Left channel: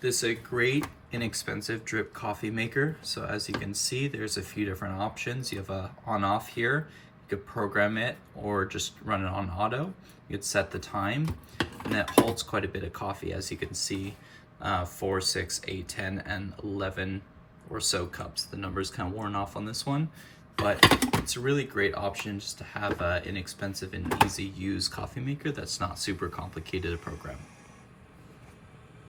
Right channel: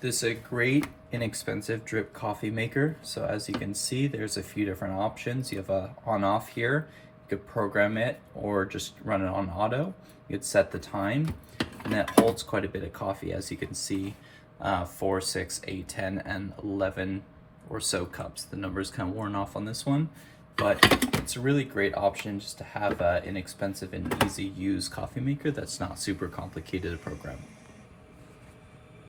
This is a great inexpensive drip coffee maker. So as you can see, there's a few different options. You have a on-off here. You could program it or just run it on auto. You could set the time, and it holds quite a bit of coffee, as you can see, 4, 6, 8, 10, and 11 or so cups. The number's kind of worn off on this one, but it's a really great option just to have an inexpensive and easy use coffee maker that's not super complicated to program.